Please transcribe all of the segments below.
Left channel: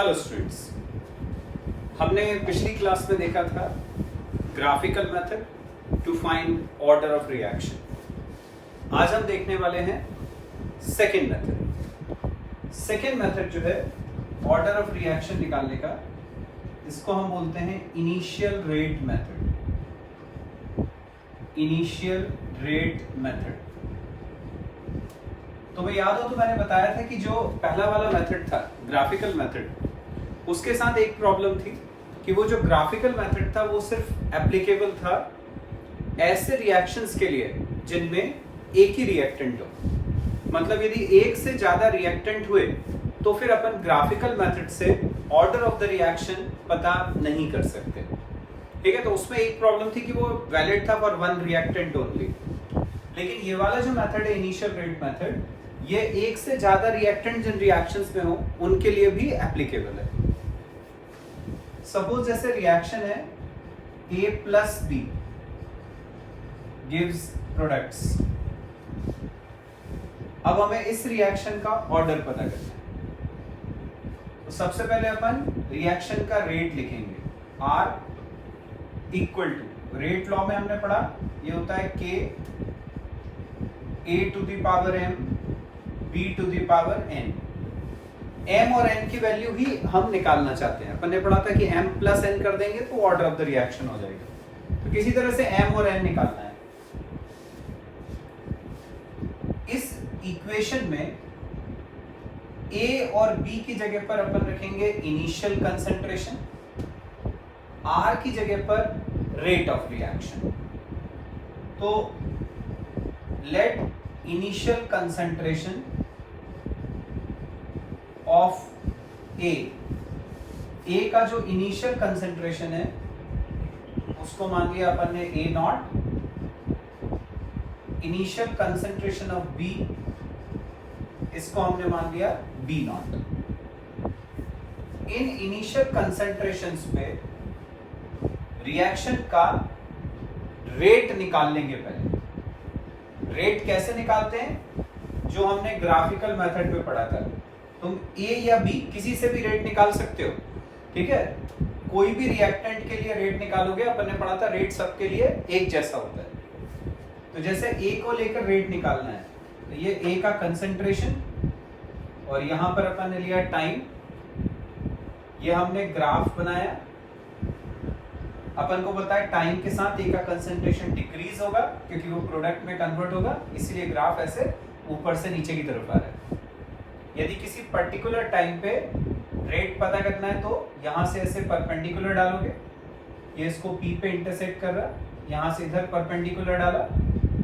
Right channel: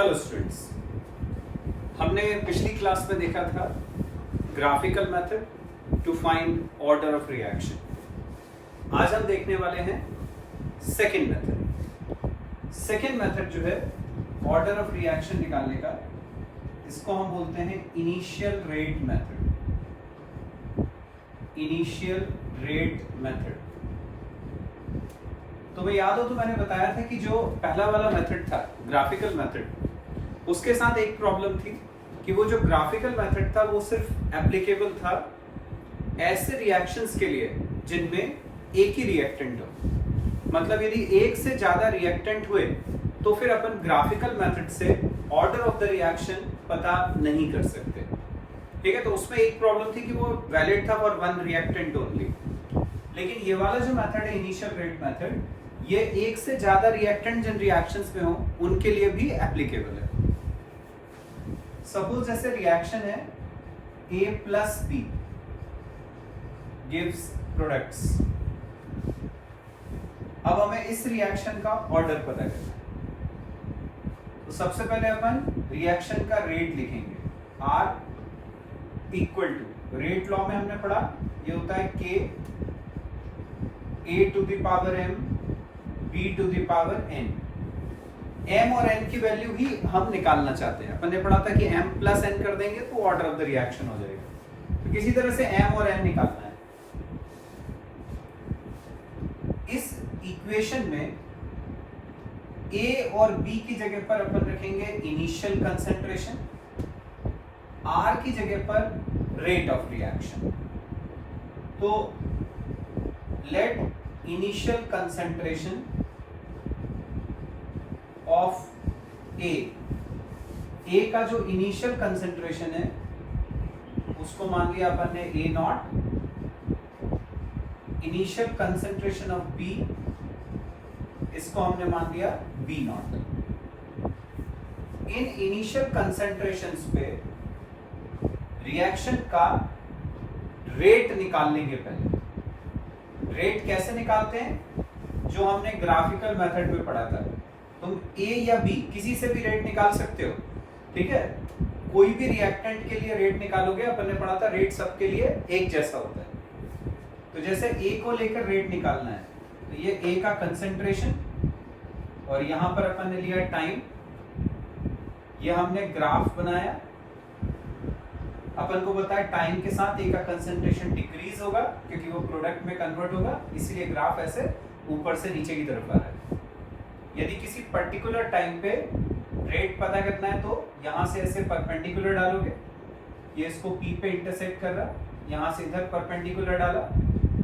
Hello students, हमने पिछली class में देखा था graphical method to find order of reaction. आज हम देखने वाले हैं सेकेंड मेथड। सेकेंड मेथड जो है ऑर्डर ऑफ रिएक्शन निकालने का, इसको हम बोलते हैं initial rate method. Initial rate method. तो भाई याद हो तो मैंने बताया था कि जो पहला वाला मेथड था ग्राफिकल मेथड, उसके साथ एक प्रॉब्लम थी कि वो जो ग्राफिकल मेथड था वो सिर्फ एप्लीकेबल था ऐसे रिएक्शंस के लिए जिनमें एक ही रिएक्टेंट हो। मतलब यदि एक से ज्यादा रिएक्टेंट हुए तो फिर अपन ग्राफिकल मेथड से ऑर्डर ऑफ द रिएक्शन पता नहीं कर सकते। ठीक है, तो उसमें एक प्रॉब्लम थी कि वो वैलिड था फॉर वन रिएक्टेंट ओनली। लेकिन ये वाला जो मेथड है इनिशियल रेट मेथड, ये एक से ज्यादा रिएक्टेंट जिन रिएक्शंस में हो उनके लिए भी एप्लीकेबल है। सपोज जैसे रिएक्शन है A plus B gives products. अब हमें इस रिएक्शन का ऑर्डर पता करना है। तो सबसे पहले अपन रिएक्शन का रेट लिखेंगे, R equal to, rate law में हमने पढ़ा ये होता है K A to the power M B to the power N। M और N की वैल्यू ही हम निकालना चाहते हैं। अपन ने पढ़ा था कि M प्लस N कर देंगे तो ऑर्डर ऑफ द रिएक्शन हो जाएगा। तो किसी तरह से M और N निकालना है। इस इक्वेशन में A और B की जगह पर अपन रखेंगे इनिशियल कंसंट्रेशन, R की जगह पर रेट ऑफ रिएक्शन। तो लेट इनिशियल कंसंट्रेशन ऑफ ए का जो इनिशियल कंसंट्रेशन है उसको मान लिया अपन ने A not. Initial concentration of B, इसको हमने मान लिया B not. In initial concentrations पे रिएक्शन का रेट निकाल लेंगे। पहले रेट कैसे निकालते हैं, जो हमने ग्राफिकल मेथड पे पढ़ा था। तुम A या B किसी से भी रेट निकाल सकते हो। ठीक है, कोई भी रिएक्टेंट के लिए रेट निकालोगे, अपन ने पढ़ा था रेट सबके लिए एक जैसा होता है। तो जैसे A को लेकर रेट निकालना है, तो ये A का कंसंट्रेशन और यहां पर अपन ने लिया टाइम। ये हमने ग्राफ बनाया। अपन को बताया टाइम के साथ A का कंसंट्रेशन डिक्रीज होगा क्योंकि वो प्रोडक्ट में कन्वर्ट होगा, इसलिए ग्राफ ऐसे ऊपर से नीचे की तरफ आ रहा है। यदि किसी पर्टिकुलर टाइम पे रेट पता करना है तो यहां से ऐसे परपेंडिकुलर डालोगे, ये इसको P पे इंटरसेक्ट कर रहा है, यहां से इधर परपेंडिकुलर डाला,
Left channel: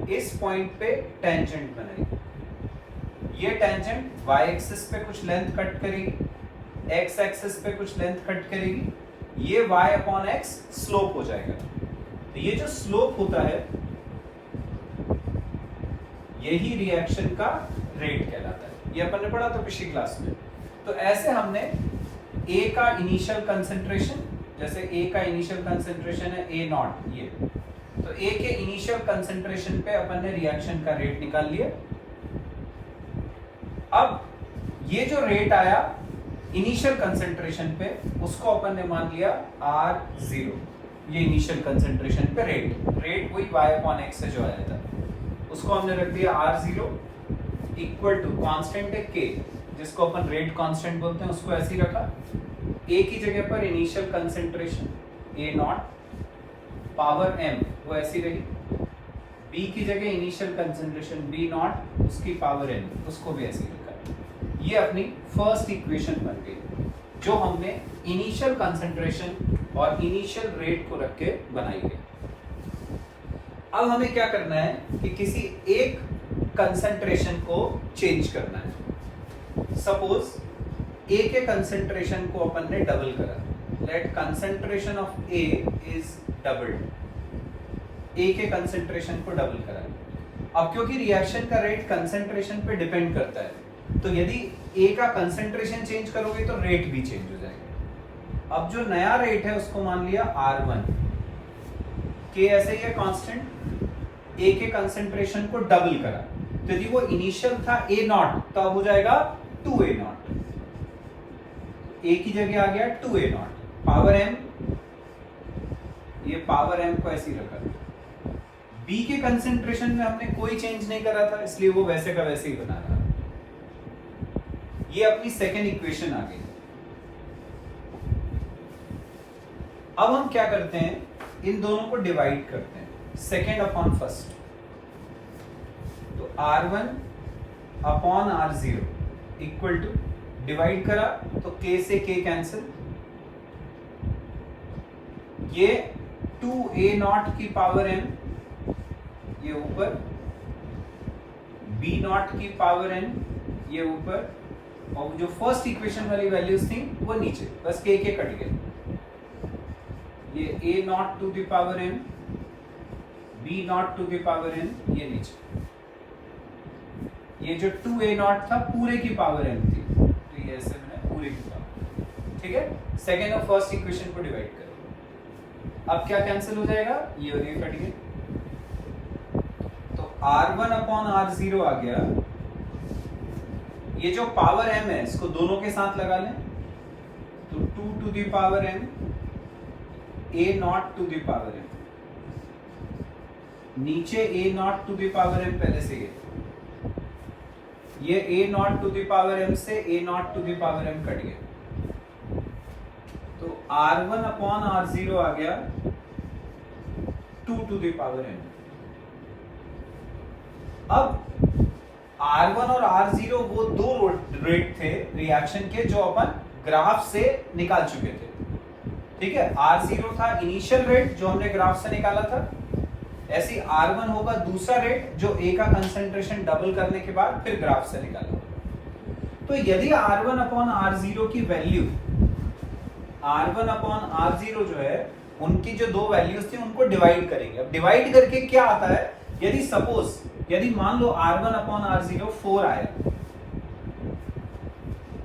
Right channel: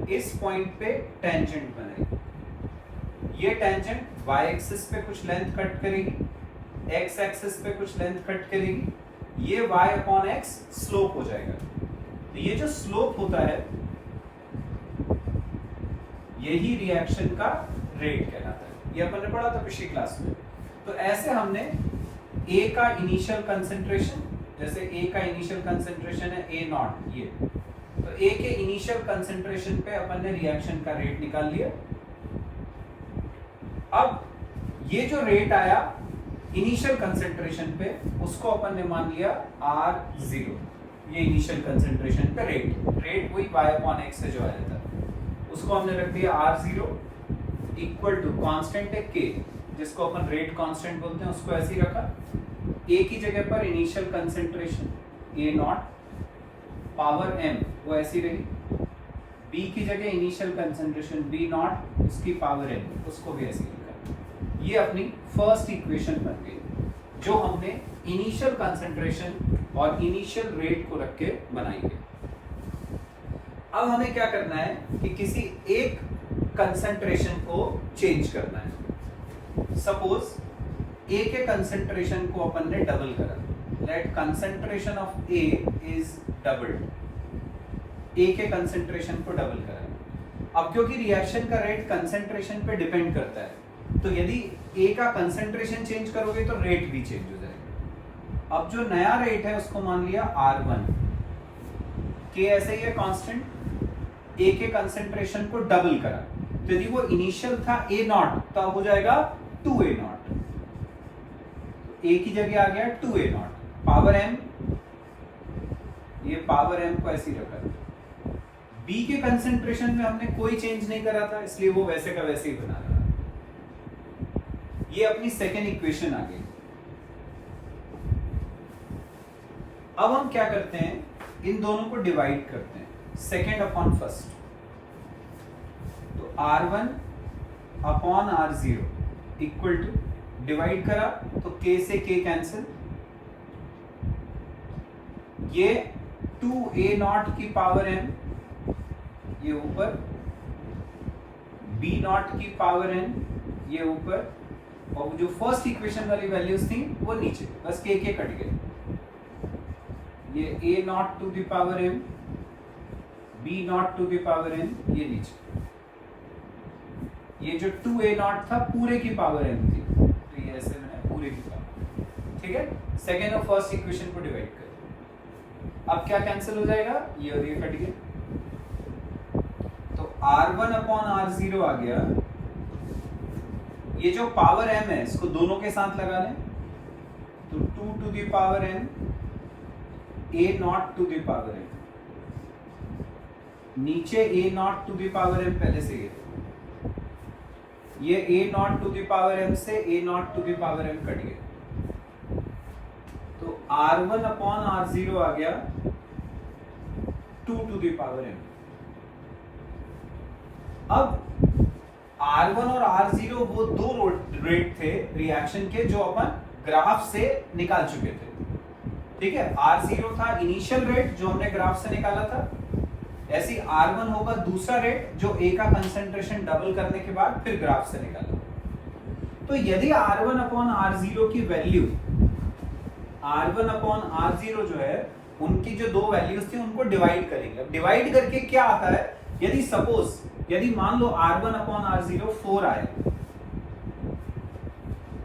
इस पॉइंट पे टेंजेंट बनाई। ये टेंजेंट y एक्सिस पे कुछ लेंथ कट करेगी, x एक्सिस पे कुछ लेंथ कट करेगी, ये y अपॉन x स्लोप हो जाएगा। तो ये जो स्लोप होता है यही रिएक्शन का रेट कहलाता है। ये अपन ने पढ़ा था पिछली क्लास में। तो ऐसे हमने A का इनिशियल कंसंट्रेशन, जैसे A का इनिशियल कंसंट्रेशन है A नॉट, ये तो A के इनिशियल कंसंट्रेशन पे अपन ने रिएक्शन का रेट निकाल लिया। अब ये जो रेट आया इनिशियल कंसंट्रेशन पे, उसको अपन ने मान लिया R0। ये इनिशियल कंसंट्रेशन पे रेट वही y अपॉन x से जो आया था, उसको हमने रख दिया R0 इक्वल टू कांस्टेंट है K, जिसको अपन रेट कांस्टेंट बोलते हैं, उसको ऐसे ही रखा। A की जगह पर initial concentration A not power M वो ऐसी रही। B की जगह इनिशियल कंसंट्रेशन B नॉट, उसकी पावर N, उसको भी ऐसे ही रखा। ये अपनी फर्स्ट इक्वेशन बन गई जो हमने इनिशियल कंसंट्रेशन और इनिशियल रेट को रख के बनाई है। अब हमें क्या करना है कि किसी एक कंसंट्रेशन को चेंज करना है। सपोज A के कंसंट्रेशन को अपन ने डबल करा, let concentration of A is doubled. A के कंसंट्रेशन को डबल करा। अब क्योंकि रिएक्शन का रेट कंसंट्रेशन पे डिपेंड करता है, तो यदि A का कंसंट्रेशन चेंज करोगे तो रेट भी चेंज हो जाएगा। अब जो नया रेट है उसको मान लिया R1। K ऐसे ही है कांस्टेंट, A के कंसंट्रेशन को डबल करा, तो यदि वो इनिशियल था A नॉट तो अब हो जाएगा 2A नॉट। a की जगह आ गया 2a0 पावर m, ये पावर m को ऐसे ही रखा है। b के कंसेंट्रेशन में हमने कोई चेंज नहीं करा था, इसलिए वो वैसे का वैसे ही बना रहा। ये अपनी सेकेंड इक्वेशन आ गई। अब हम क्या करते हैं, इन दोनों को डिवाइड करते हैं, सेकेंड अपॉन फर्स्ट। तो r1 upon r0 equal to, divide करा तो k से k कैंसिल, ये 2a0 की पावर m ये ऊपर, b0 की पावर n ये ऊपर, और जो फर्स्ट इक्वेशन वाली वैल्यूज थी वो नीचे, बस k के कट गए। ये a0 to the power m, b0 to the power n ये नीचे। ये जो 2a0 था पूरे की पावर m थी, तो ये ऐसे मैंने पूरे की पावर, ठीक है। सेकेंड और फर्स्ट इक्वेशन को डिवाइड करो, अब क्या कैंसिल हो जाएगा, ये और ये कट गए, तो r1 अपॉन r0 आ गया। ये जो पावर m है इसको दोनों के साथ लगा लें, तो 2 to the power m a0 to the power m, नीचे a0 to the power m पहले से ये a0 to the power m से a0 to the power m cut गया, तो r1 अपॉन r0 आ गया 2 टू द पावर m। अब R1 और R0 वो दो रेट थे रिएक्शन के जो अपन ग्राफ से निकाल चुके थे, ठीक है। R0 था इनिशियल रेट जो हमने ग्राफ से निकाला था, ऐसे ही R1 होगा दूसरा रेट जो A का कंसंट्रेशन डबल करने के बाद फिर ग्राफ से निकाला। तो यदि R1 अपॉन R0 की वैल्यू, R1 अपॉन R0 जो है उनकी जो दो वैल्यूज थी उनको डिवाइड करेंगे। अब डिवाइड करके क्या आता है, यदि सपोज, यदि मान लो R1 अपॉन R0 4 आया,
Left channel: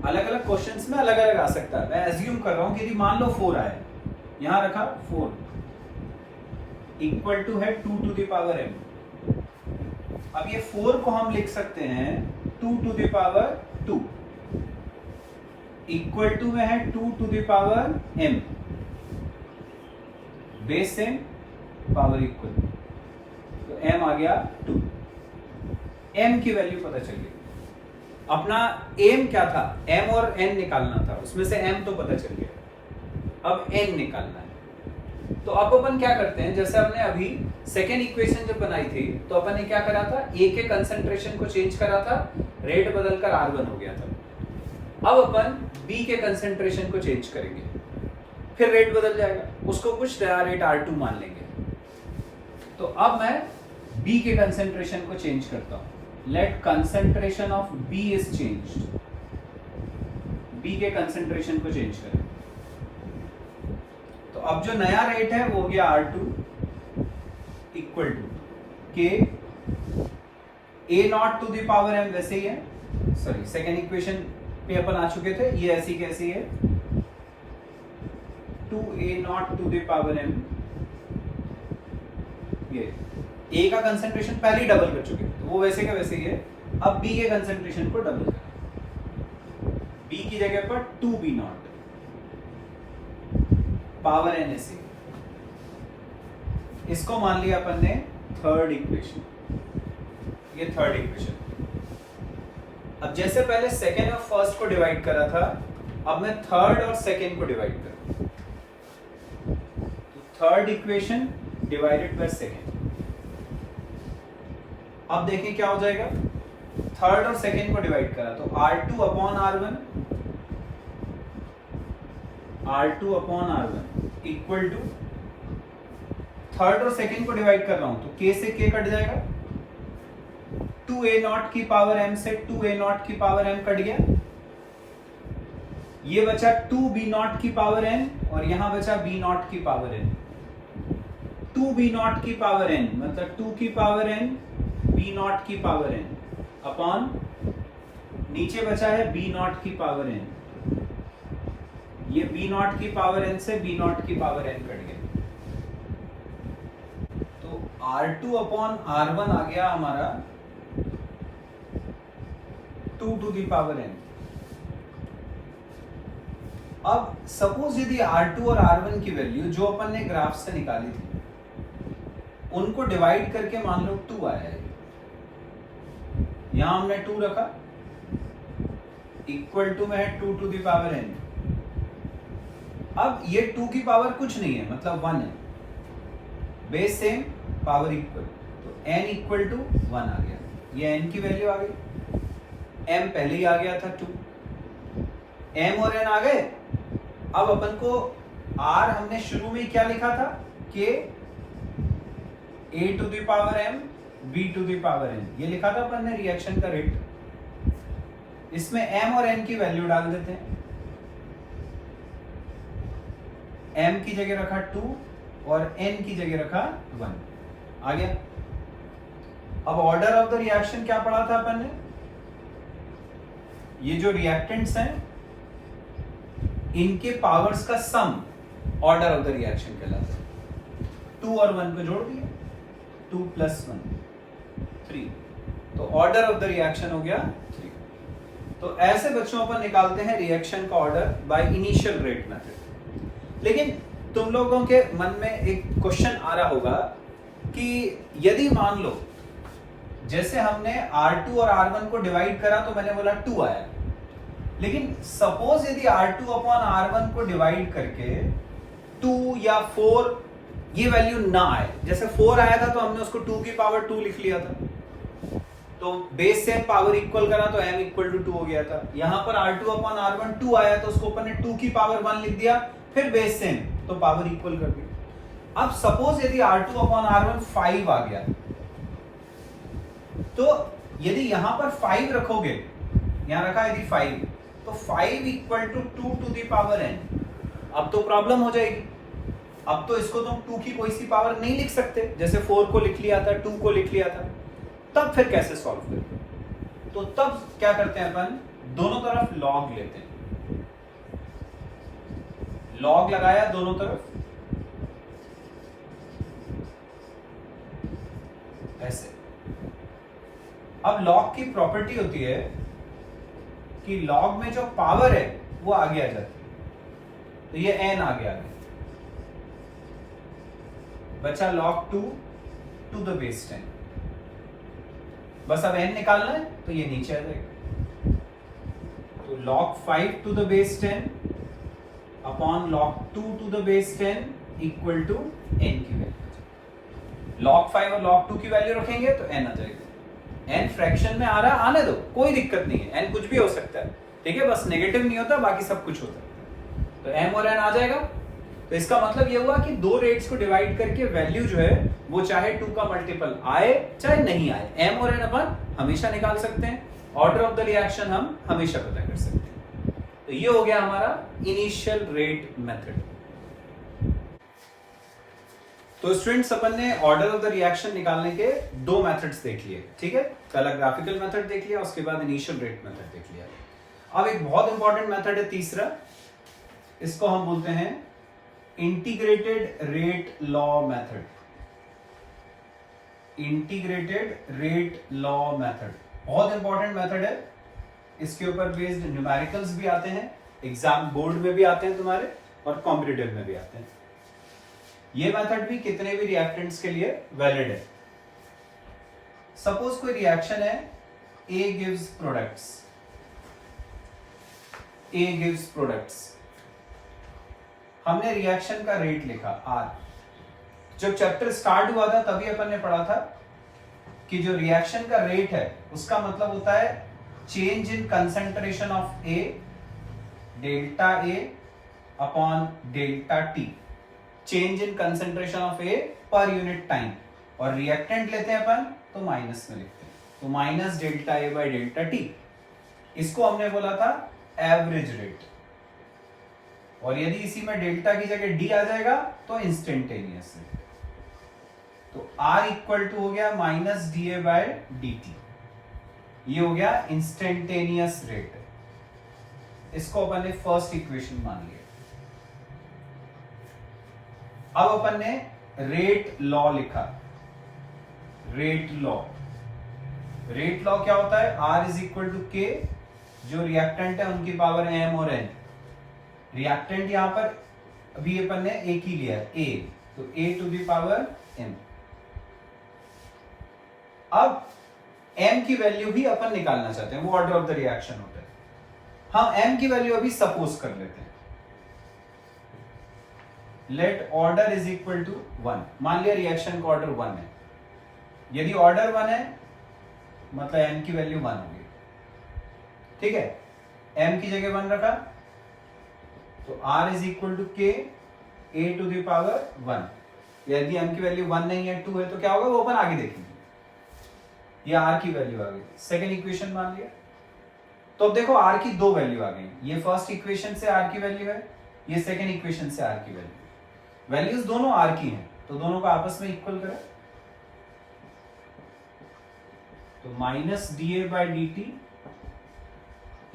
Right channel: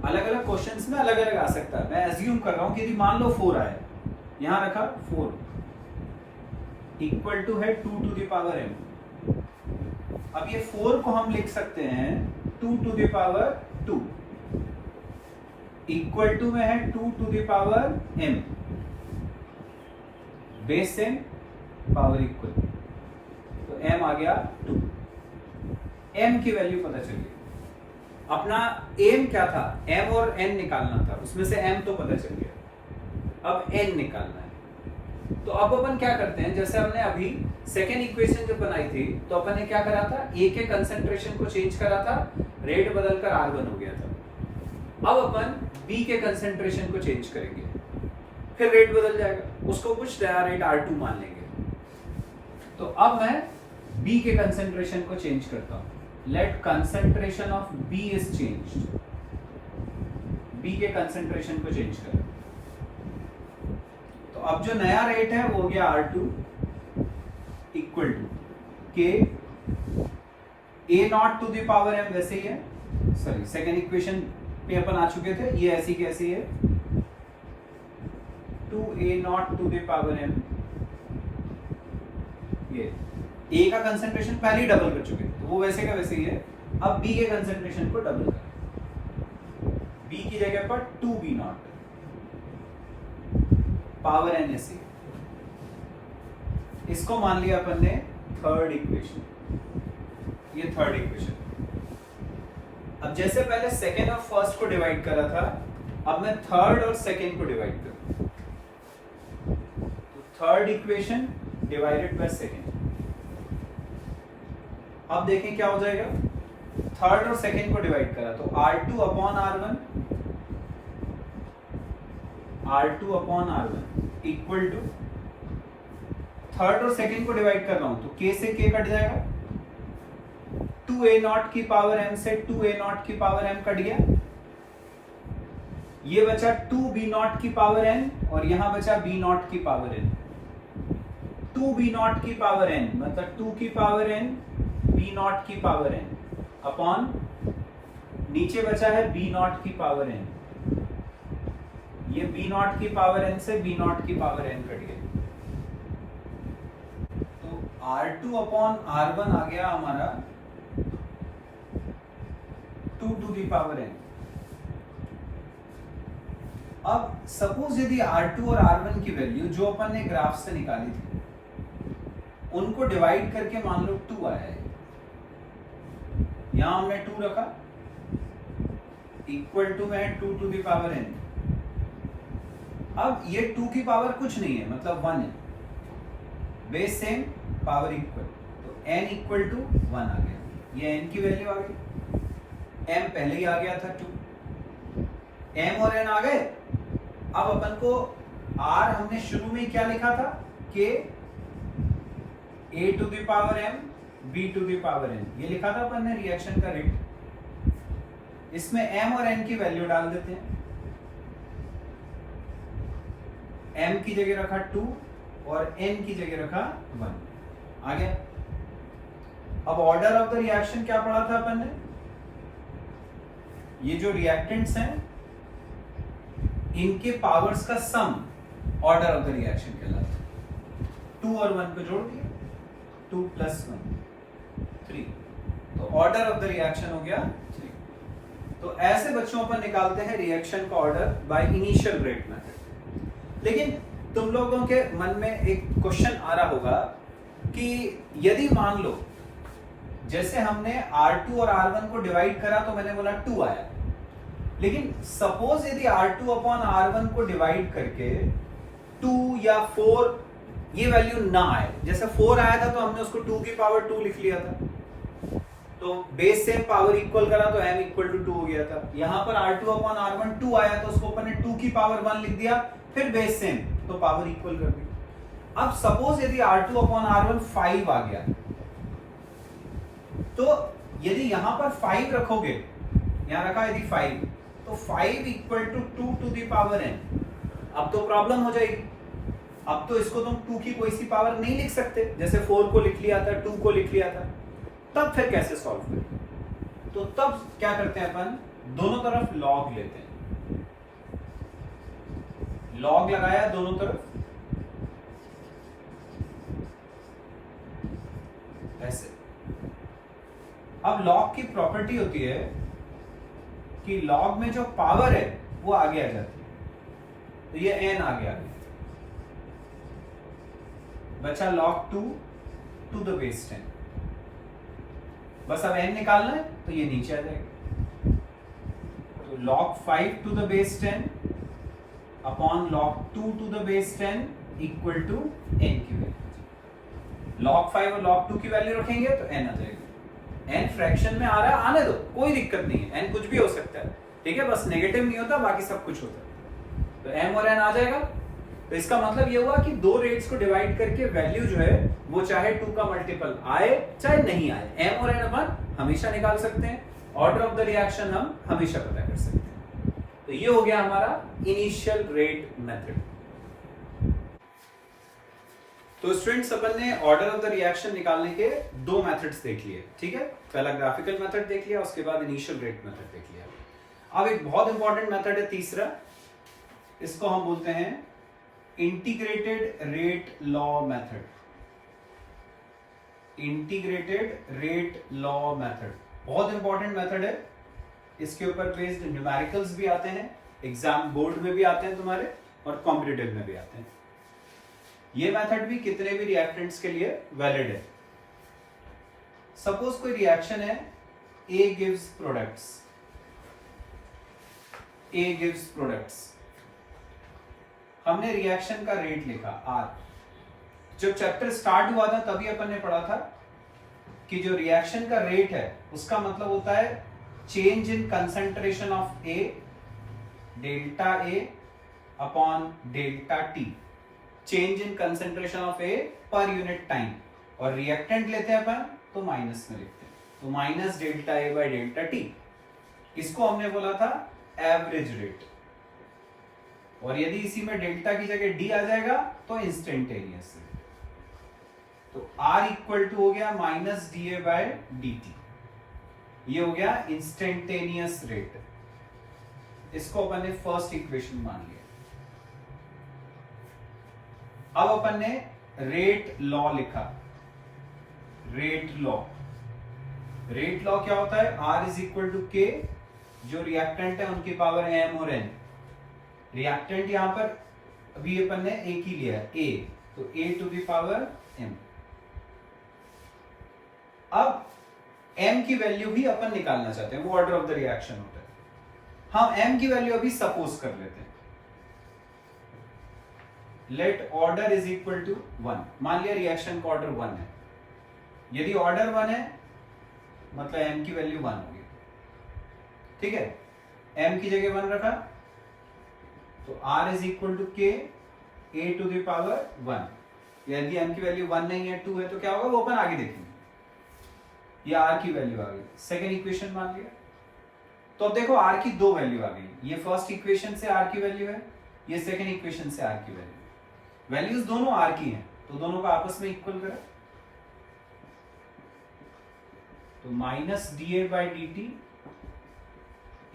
अलग अलग क्वेश्चंस में अलग अलग आ सकता है, मैं एज्यूम कर रहा हूं कि यदि मान लो 4 आया, यहां रखा 4 इक्वल टू है 2 टू द पावर m। अब ये 4 को हम लिख सकते हैं 2 to the power 2 equal to में है 2 to the power m, base same power equal, तो m आ गया 2। m की वैल्यू पता चल गई। अपना एम क्या था, m और n निकालना था, उसमें से m तो पता चल गया, अब n निकालना है। तो अब अपन क्या करते हैं, जैसे हमने अभी सेकेंड इक्वेशन जब बनाई थी तो अपन ने क्या करा था, a के कंसंट्रेशन को चेंज करा था, रेट बदलकर R1 हो गया था। अब अपन b के कंसंट्रेशन को चेंज करेंगे, फिर रेट बदल जाएगा, उसको कुछ नया रेट R2 मान लेंगे। तो अब मैं b के कंसंट्रेशन को चेंज करता हूं, let concentration of b is changed, b के कंसंट्रेशन को चेंज करें। तो अब जो नया रेट है वो हो गया R2 equal to k a0 to the power m, वैसे ही है, सॉरी सेकेंड इक्वेशन पे अपन आ चुके थे, ये ऐसी कैसी है 2a0 to the power m, ये a का कंसंट्रेशन पहले ही डबल कर चुके तो वो वैसे का वैसे ही है। अब b के कंसंट्रेशन को डबल करें, b की जगह पर 2b0 पावर n ऐसी, इसको मान लिया अपन ने थर्ड इक्वेशन, ये थर्ड इक्वेशन। अब जैसे पहले सेकेंड और फर्स्ट को डिवाइड करा था, अब मैं थर्ड और सेकेंड को डिवाइड करूं, तो third equation divided by second. अब देखिए क्या हो जाएगा, थर्ड और सेकेंड को डिवाइड करा तो R2 upon R1, R2 upon R1 equal to, third और सेकेंड को डिवाइड कर रहा हूं तो k से k कट जाएगा, 2a0 की पावर m से 2a0 की पावर m कट गया, ये बचा 2b0 की पावर n और यहां बचा b0 की पावर n, 2b0 की पावर n मतलब 2 की पावर n b0 की पावर n अपॉन नीचे बचा है b0 की पावर n, ये b0 की पावर n से b0 की पावर n कट गया, तो R2 अपॉन R1 आ गया हमारा 2 टू दी पावर n। अब सपोज यदि R2 और R1 की वैल्यू जो अपन ने ग्राफ से निकाली थी उनको डिवाइड करके मान लो 2 आया है, यहां हमने 2 रखा, इक्वल टू में है 2 टू द पावर n। अब ये 2 की पावर कुछ नहीं है, मतलब 1 है, बेस सेम पावर इक्वल, तो n इक्वल टू 1 आ गया, ये n की वैल्यू आ गई, m पहले ही आ गया था 2, m और n आ गए। अब अपन को r हमने शुरू में क्या लिखा था कि a to the power m b to the power n, ये लिखा था अपन ने रिएक्शन का रेट। इसमें m और n की वैल्यू डाल देते हैं, m की जगह रखा 2 और n की जगह रखा 1, आ गया। अब ऑर्डर ऑफ द रिएक्शन क्या पढ़ा था अपन ने, ये जो रिएक्टेंट्स हैं इनके पावर्स का sum order of the reaction कहलाता है। 2 और 1 को जोड़ दिया, 2 प्लस 1 3, तो ऑर्डर ऑफ द रिएक्शन हो गया 3। तो ऐसे बच्चों पर निकालते हैं रिएक्शन का order by initial rate method. लेकिन तुम लोगों के मन में एक क्वेश्चन आ रहा होगा कि यदि मान लो जैसे हमने R2 और R1 को डिवाइड करा तो मैंने बोला 2 आया, लेकिन सपोज यदि R2 अपॉन R1 को डिवाइड करके 2 या 4 ये वैल्यू ना आए, जैसे 4 आया था तो हमने उसको 2 की पावर 2 लिख लिया था, तो बेस से पावर इक्वल करा तो m इक्वल टू 2 हो गया था। यहां पर R2 अपॉन R1 2 आया तो उसको अपन ने 2 की पावर 1 लिख दिया, फिर बेस सेम तो पावर इक्वल कर दी। अब सपोज यदि R2 अपॉन R1 5 आ गया, तो यदि यहां पर 5 रखोगे, यहां रखा यदि 5, तो 5 equal to 2 to the power n। अब तो प्रॉब्लम हो जाएगी, अब तो इसको तुम 2 की कोई सी पावर नहीं लिख सकते, जैसे 4 को लिख लिया था, 2 को लिख लिया था, तब फिर कैसे सॉल्व करें? तो तब क्या करते हैं अपन, दोनों तरफ लॉग लेते हैं, लॉग लगाया दोनों तरफ, ऐसे। अब लॉग की प्रॉपर्टी होती है कि लॉग में जो पावर है वो आगे आ जाती है, तो ये n आगे आ गया, बचा log 2 टू द बेस 10, बस अब n निकालना है तो ये नीचे आ जाएगा, तो log 5 to the base 10 upon log 2 to the base 10 equal to n की वैल्यू। log 5 और log 2 की वैल्यू रखेंगे तो n आ जाएगा। n फ्रैक्शन में आ रहा, आने दो, कोई दिक्कत नहीं है, n कुछ भी हो सकता है, ठीक है, बस नेगेटिव नहीं होता, बाकी सब कुछ होता है, तो m और n आ जाएगा। तो इसका मतलब ये हुआ कि दो रेट्स को डिवाइड करके वैल्यू जो है वो चाहे 2 का मल्टीपल आए चाहे नहीं आए, m और n अपन हमेशा निकाल सकते हैं, ऑर्डर ऑफ द रिएक्शन हम हमेशा पता कर सकते हैं। तो ये हो गया हमारा इनिशियल रेट मेथड। तो स्टूडेंट्स अपन ने ऑर्डर ऑफ द रिएक्शन निकालने के 2 मेथड्स देख लिए, ठीक है, पहला ग्राफिकल मेथड देख लिया, उसके बाद इनिशियल रेट मेथड देख लिया। अब एक बहुत इंपॉर्टेंट मेथड है तीसरा, इसको हम बोलते हैं integrated rate law method. Integrated rate law method बहुत इंपॉर्टेंट मेथड है, इसके ऊपर बेस्ड न्यूमेरिकल्स भी आते हैं, एग्जाम बोर्ड में भी आते हैं तुम्हारे, और कॉम्पिटिटिव में भी आते हैं। ये मेथड भी कितने भी रिएक्टेंट्स के लिए वैलिड है। सपोज कोई रिएक्शन है, A gives products, A gives products, हमने रिएक्शन का रेट लिखा R। जब चैप्टर स्टार्ट हुआ था तभी अपन ने पढ़ा था कि जो रिएक्शन का रेट है उसका मतलब होता है change in concentration of A, delta A upon delta T, change in concentration of A per unit time, और रिएक्टेंट लेते हैं अपन तो माइनस में लिखते हैं, तो minus delta A by delta T। इसको हमने बोला था एवरेज रेट, और यदि इसी में डेल्टा की जगह D आ जाएगा तो इंस्टेंटेनियस रेट, तो R इक्वल टू हो गया माइनस DA बाय DT, ये हो गया इंस्टेंटेनियस रेट। इसको अपन ने फर्स्ट इक्वेशन मान लिया। अब अपन ने रेट लॉ लिखा, रेट लॉ, रेट लॉ क्या होता है, R is equal to K, जो रिएक्टेंट है उनकी पावर m और n, रिएक्टेंट यहां पर अभी अपन ने एक ही लिया है a, तो a to the power m। अब m की वैल्यू भी अपन निकालना चाहते हैं, वो ऑर्डर ऑफ द रिएक्शन होता है। हम m की वैल्यू अभी सपोज कर लेते हैं, let order is equal to 1। मान लिया रिएक्शन का ऑर्डर 1 है। यदि ऑर्डर 1 है मतलब m की वैल्यू 1 होगी, ठीक है। m की जगह 1 रखा तो r is equal to k a to the power 1। यदि m की वैल्यू 1 नहीं है 2 है तो क्या होगा वो अपन आगे देखेंगे। ये r की वैल्यू आ गई, सेकेंड इक्वेशन मान लिया। तो अब देखो r की दो वैल्यू आ गई, ये फर्स्ट इक्वेशन से r की वैल्यू है, ये सेकेंड इक्वेशन से r की वैल्यू। वैल्यूज दोनों r की हैं तो दोनों को आपस में इक्वल करें, तो minus d a by d t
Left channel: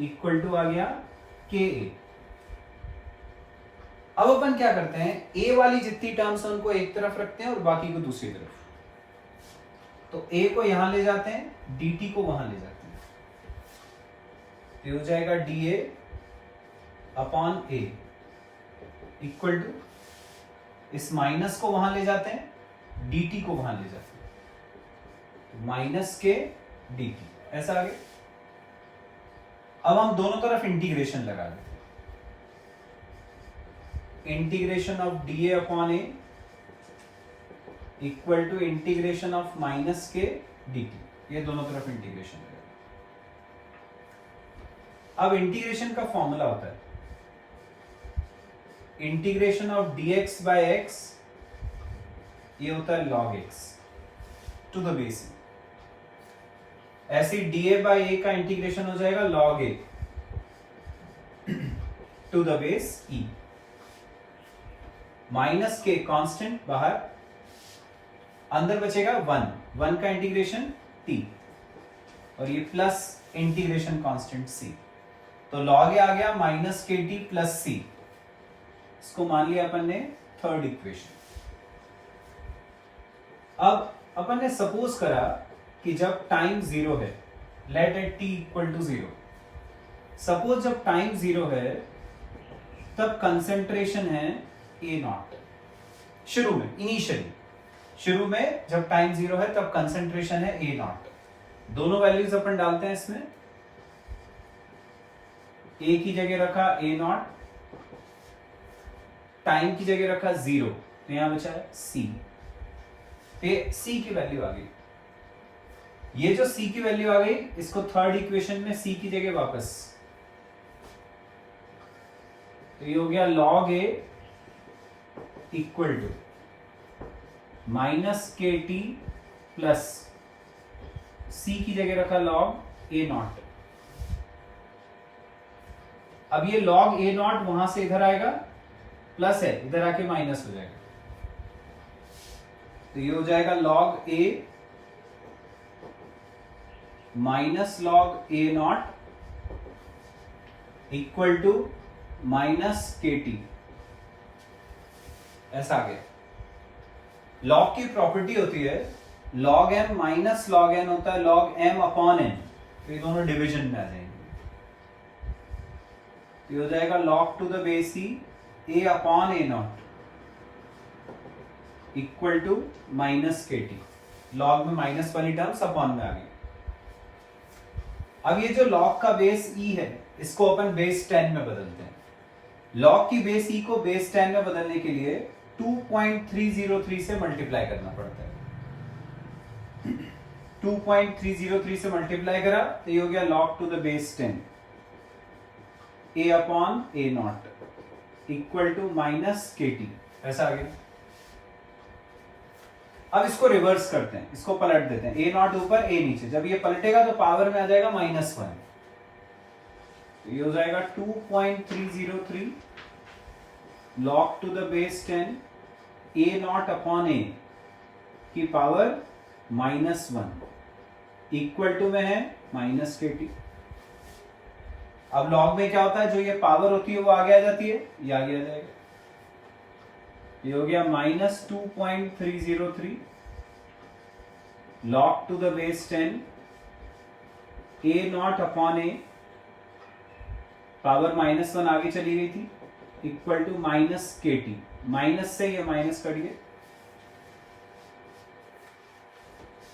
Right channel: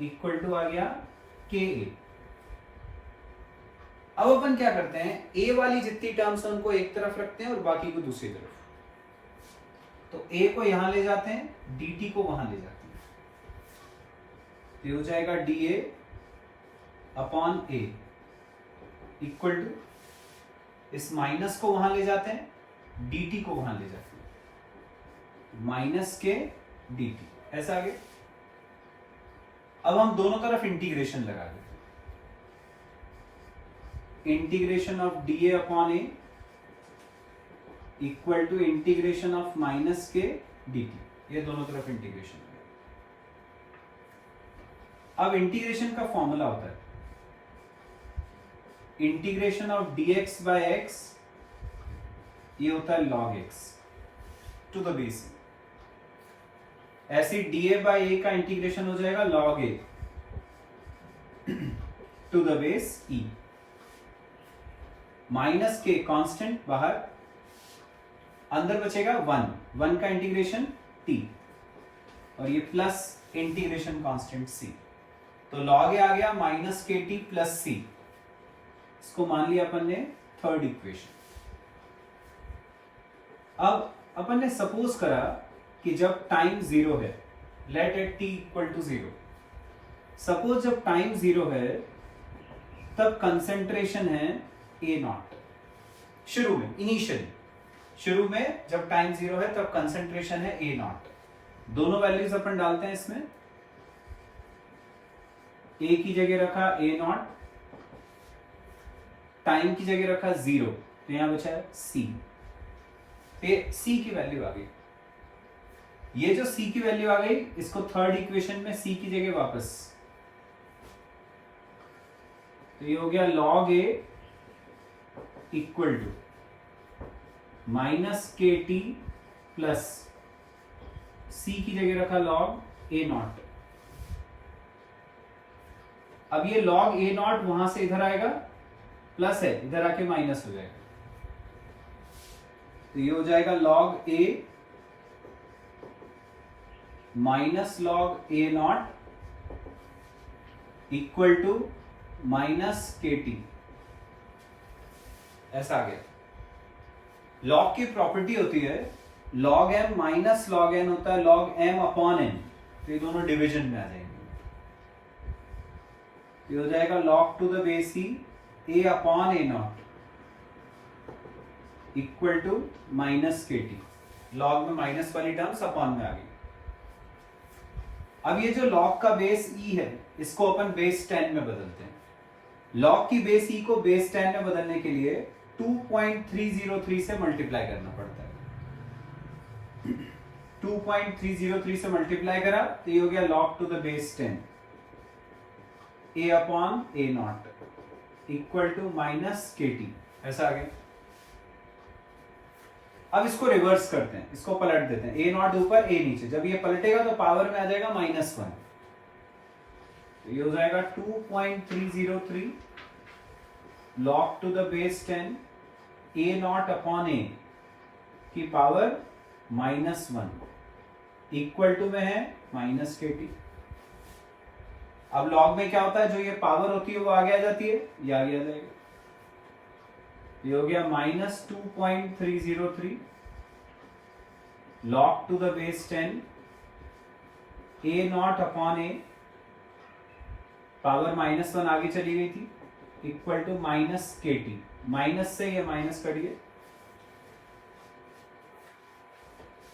equal to आ गया के ए। अब अपन क्या करते हैं, ए वाली जितनी टर्म्स है उनको एक तरफ रखते हैं और बाकी को दूसरी तरफ। तो ए को यहां ले जाते हैं, डी टी को वहां ले जाते हैं, तो हो जाएगा d a upon a equal to, इस माइनस को वहां ले जाते हैं, डी टी को वहां ले जाते हैं, माइनस के डी टी, ऐसा आ गया। अब हम दोनों तरफ इंटीग्रेशन लगा दें, integration of d a upon a equal to integration of minus k d t, ये दोनों तरफ इंटीग्रेशन है। अब इंटीग्रेशन का फॉर्मूला होता है integration of d x by x, ये होता है log x to the base a. ऐसे डी ए बाय ए का इंटीग्रेशन हो जाएगा log a to the base e. Minus k constant बाहर, अंदर बचेगा 1 का इंटीग्रेशन t, और ये प्लस इंटीग्रेशन कांस्टेंट c। तो log a आ गया माइनस के टी प्लस सी, इसको मान लिया अपन ने थर्ड इक्वेशन। अब अपन ने सपोज करा कि जब टाइम 0 है, let at t equal to 0। Suppose जब टाइम 0 है तब कंसेंट्रेशन है ए नॉट। शुरू में, इनिशियली शुरू में जब टाइम 0 है तब कंसेंट्रेशन है ए नॉट। दोनों वैल्यूज अपन डालते हैं इसमें, ए की जगह रखा ए नॉट, टाइम की जगह रखा 0, तो यहां बचा है सी। सी की वैल्यू आ गई, ये जो सी की वैल्यू आ गई इसको थर्ड इक्वेशन में सी की जगह वापस, तो ये हो गया log a equal to minus k t plus c की जगह रखा log a नॉट। अब ये log a नॉट वहां से इधर आएगा, प्लस है इधर आके माइनस हो जाएगा, तो ये हो जाएगा log a minus log a naught equal to minus k t, ऐसा आ गया। लॉग की प्रॉपर्टी होती है log m minus log n होता है log m अपॉन n, तो ये दोनों डिवीजन में आ जाएंगे, तो ये हो जाएगा log to the base c a upon a naught equal to minus k t. Log में माइनस वाली टर्म्स अपॉन में आ गई। अब ये जो log का बेस e है इसको अपन बेस 10 में बदलते हैं। log की बेस e को बेस 10 में बदलने के लिए 2.303 से मल्टीप्लाई करना पड़ता है। 2.303 से मल्टीप्लाई करा तो ये हो गया log to the base 10 a upon a naught equal to minus k t, ऐसा आ गया। अब इसको रिवर्स करते हैं, इसको पलट देते हैं, a नॉट ऊपर a नीचे। जब ये पलटेगा तो पावर में आ जाएगा -1, तो ये हो जाएगा 2.303 log to the base 10 a naught upon a की पावर -1 इक्वल टू में है माइनस के टी। अब log में क्या होता है, जो ये पावर होती है वो आगे आ जाती है, ये आगे आ जाएगा। ये हो गया -2.303 log to the base 10 a naught upon a, power -1 आगे चली गई थी, equal to minus k t, minus से ये माइनस करिए,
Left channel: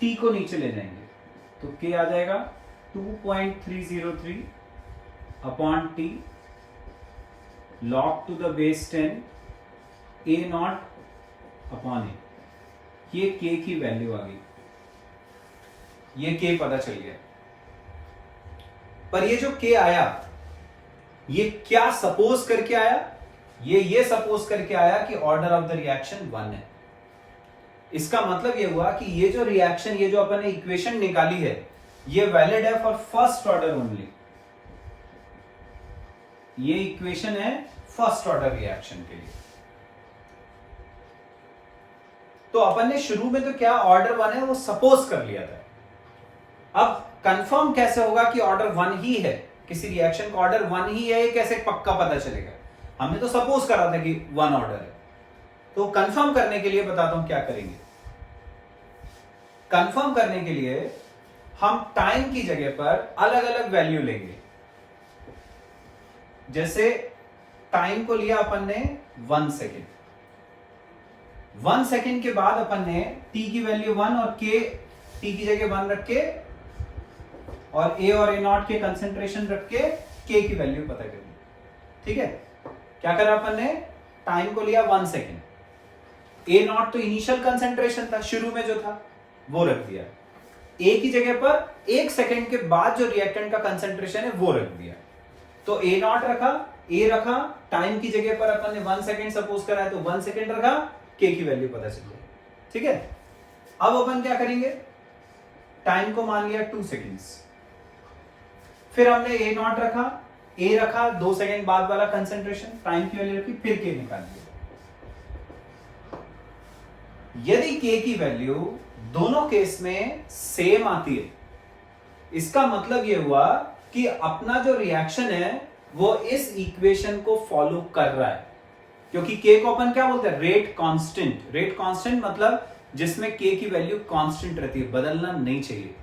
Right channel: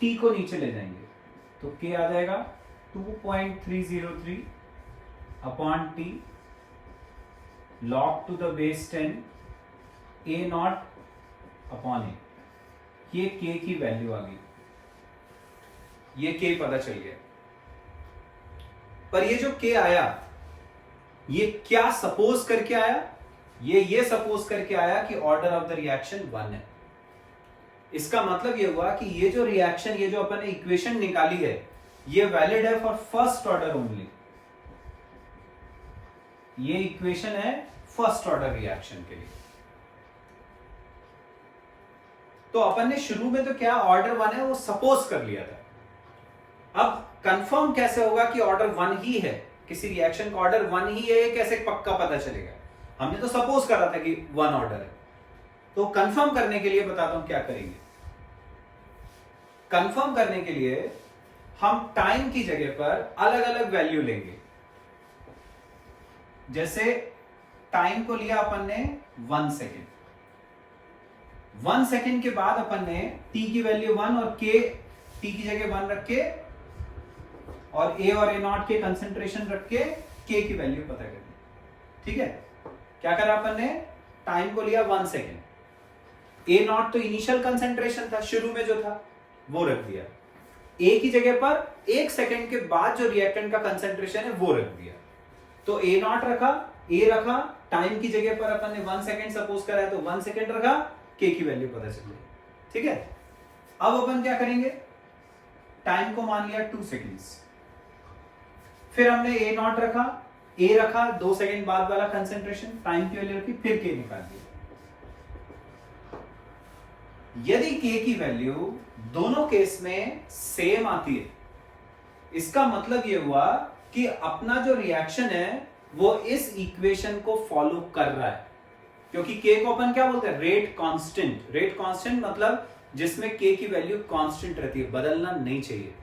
टी को नीचे ले जाएंगे तो के आ जाएगा 2.303 upon t log to the base 10 a naught upon a. ये के की वैल्यू आ गई, ये के पता चल गया। पर ये जो के आया ये क्या सपोज करके आया, ये सपोज करके आया कि ऑर्डर ऑफ द रिएक्शन 1 है। इसका मतलब ये हुआ कि ये जो रिएक्शन, ये जो अपन ने इक्वेशन निकाली है, ये वैलिड है फॉर फर्स्ट ऑर्डर ओनली। ये इक्वेशन है फर्स्ट ऑर्डर रिएक्शन के लिए। तो अपन ने शुरू में तो क्या ऑर्डर 1 है वो सपोज कर लिया था। अब कंफर्म कैसे होगा कि ऑर्डर 1 ही है, किसी रिएक्शन का ऑर्डर 1 ही है, कैसे पक्का पता चलेगा? हमने तो सपोज करा था कि 1 ऑर्डर है। तो कंफर्म करने के लिए बताता हूं क्या करेंगे। कंफर्म करने के लिए हम टाइम की जगह पर अलग अलग वैल्यू लेंगे। जैसे टाइम को लिया अपन ने 1 सेकेंड, 1 सेकेंड के बाद अपन ने टी की वैल्यू 1 और के टी की जगह 1 रख के और ए और ए नॉट के कंसेंट्रेशन रख के के की वैल्यू पता करनी। ठीक है, क्या करा अपन ने? टाइम को लिया 1 सेकेंड, ए नॉट तो इनिशियल कंसेंट्रेशन था, शुरू में जो था वो रख दिया। ए की जगह पर 1 सेकेंड के बाद जो रिएक्टेंट का कंसेंट्रेशन है वो रख दिया। तो ए नॉट रखा, ए रखा, टाइम की जगह पर अपन ने 1 सेकेंड सपोज करा है तो 1 सेकेंड रखा, के की वैल्यू पता चल गई। ठीक है, अब अपन क्या करेंगे? टाइम को मान लिया 2 सेकेंड्स, फिर हमने ए नॉट रखा, ए रखा, 2 सेकेंड बाद वाला कंसेंट्रेशन, टाइम की वैल्यू रखी, फिर के निकाल दिया। यदि के की वैल्यू दोनों केस में सेम आती है, इसका मतलब यह हुआ कि अपना जो रिएक्शन है वो इस इक्वेशन को फॉलो कर रहा है। क्योंकि के को अपन क्या बोलते हैं? Rate constant. रेट कांस्टेंट मतलब जिसमें के की वैल्यू कांस्टेंट रहती है, बदलना नहीं चाहिए।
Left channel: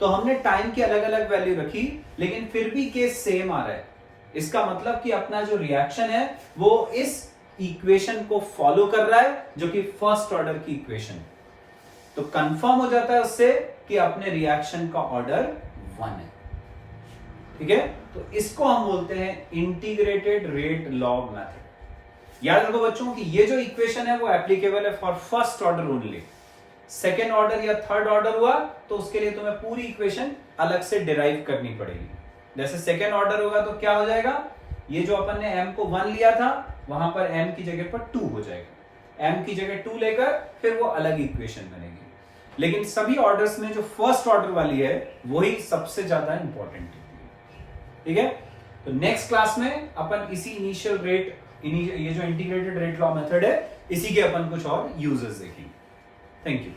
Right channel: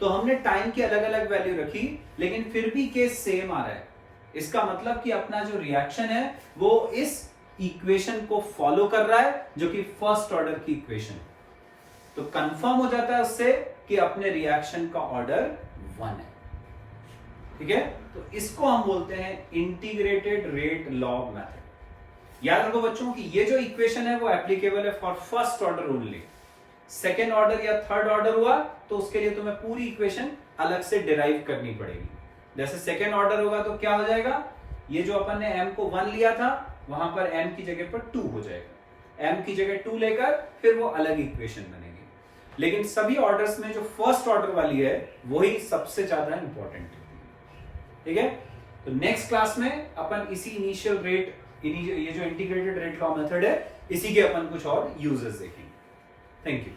तो हमने टाइम की अलग अलग वैल्यू रखी, लेकिन फिर भी के सेम आ रहा है। इसका मतलब कि अपना जो रिएक्शन है वो इस इक्वेशन को फॉलो कर रहा है, जो कि फर्स्ट ऑर्डर की इक्वेशन है। तो कंफर्म हो जाता है उससे कि अपने रिएक्शन का ऑर्डर 1 है। ठीक है, तो इसको हम बोलते हैं इंटीग्रेटेड रेट लॉग मेथड। याद रखो बच्चों कि ये जो इक्वेशन है वो एप्लीकेबल है for first order only. Second order या थर्ड ऑर्डर हुआ तो उसके लिए तुम्हें पूरी इक्वेशन अलग से डिराइव करनी पड़ेगी। जैसे सेकेंड ऑर्डर होगा तो क्या हो जाएगा? ये जो अपन ने m को 1 लिया था वहां पर m की जगह पर 2 हो जाएगा। m की जगह 2 लेकर फिर वो अलग इक्वेशन बनेगी। लेकिन सभी ऑर्डर्स में जो फर्स्ट ऑर्डर वाली है वही सबसे ज्यादा इंपॉर्टेंट है। ठीक है, तो नेक्स्ट क्लास में अपन इसी इनिशियल रेट, ये जो इंटीग्रेटेड रेट लॉ मेथड है, इसी के अपन कुछ और यूजेस देखेंगे। Thank you.